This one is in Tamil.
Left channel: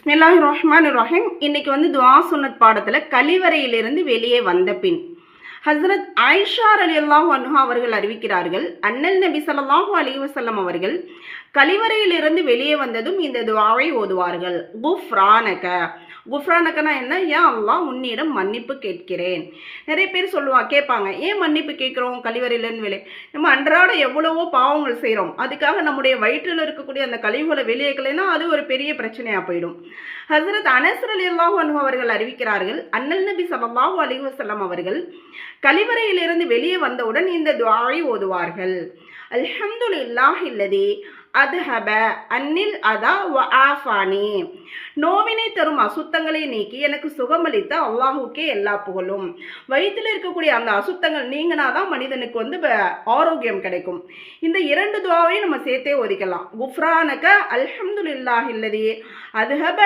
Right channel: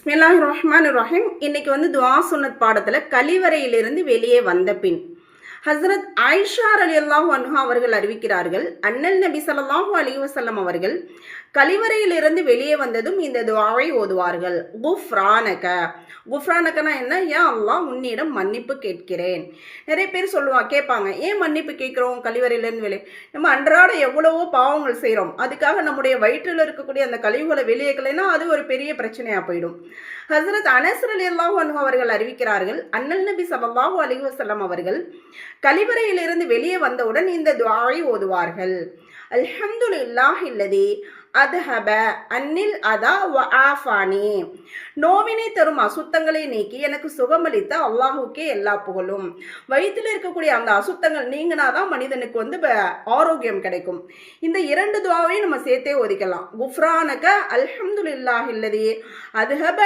பிஸ்மில்லாஹிர்ரஹ்மானிர்ரஹீம். இன்னைக்கு துஆ சுன்னத் பாடத்துல கழிவறையிலிருந்து வெளியே வந்த பின் ஹஸ்ரத் ஆயிஷா ரலியல்லாஹு அன்ஹா அவர்கள் அறிவிக்கிறார்கள், அண்ணல் நபி ஸல்லல்லாஹு அலைஹி வஸல்லம் அவர்கள் கழிவறையிலிருந்து வெளியே வந்ததும் இந்த துஆவை ஓதுவார்கள். குஃப்ரானக. குஃப்ரானகனா என்ன? யா அல்லாஹ், உன்னிடம் மன்னிப்பு கேட்கிறேன். நிறைய பேர் கேட்பாங்க, ஏன் மன்னிப்பு கேட்குறோம் கழிவறையிலேருந்து வெளியே? நம்ம அன்றாட எவ்வளவோ பாவங்கள் செய்கிறோம். அதுக்காக நம்முடைய வயிற்றில் இருக்கக்கூடிய அந்த கழிவுகளை வெளியேக்கலைன்னா அது ஒரு பெரிய பிரச்சனையாக போயிடும். ஹஸ்ரத் அனஸ் ரலியல்லாஹு அன்ஹு அவர்கள் அறிவிக்கிறார்கள், அண்ணல் நபி ஸல்லல்லாஹு அலைஹி வஸல்லம் அவர்கள் கழிவறையிலிருந்து வெளியே வந்தவுடன் இந்த துஆவை ஓதுவார்கள். அல்ஹம்துலில்லாஹில்லதி அதுஹப அன்னில் அதா வ ஆஃபானி. நோவினை தரும் அசுத்தங்களை நீக்கி எனக்கு சுகமளித்த அல்லாஹுக்கே எல்லா புகழும். வயிற்றில் இருக்கக்கூடிய அந்த அசுத்தங்கள் நீங்கினாதான் மனிதனுக்கு ஆரோக்கியம் கிடைக்கும். இந்த இரண்டு துஆவை நம்ம சேர்த்தே ஒதுக்கலாம். குஃப்ரானக அல்ஹம்துலில்லாஹில்லதி அதுஹப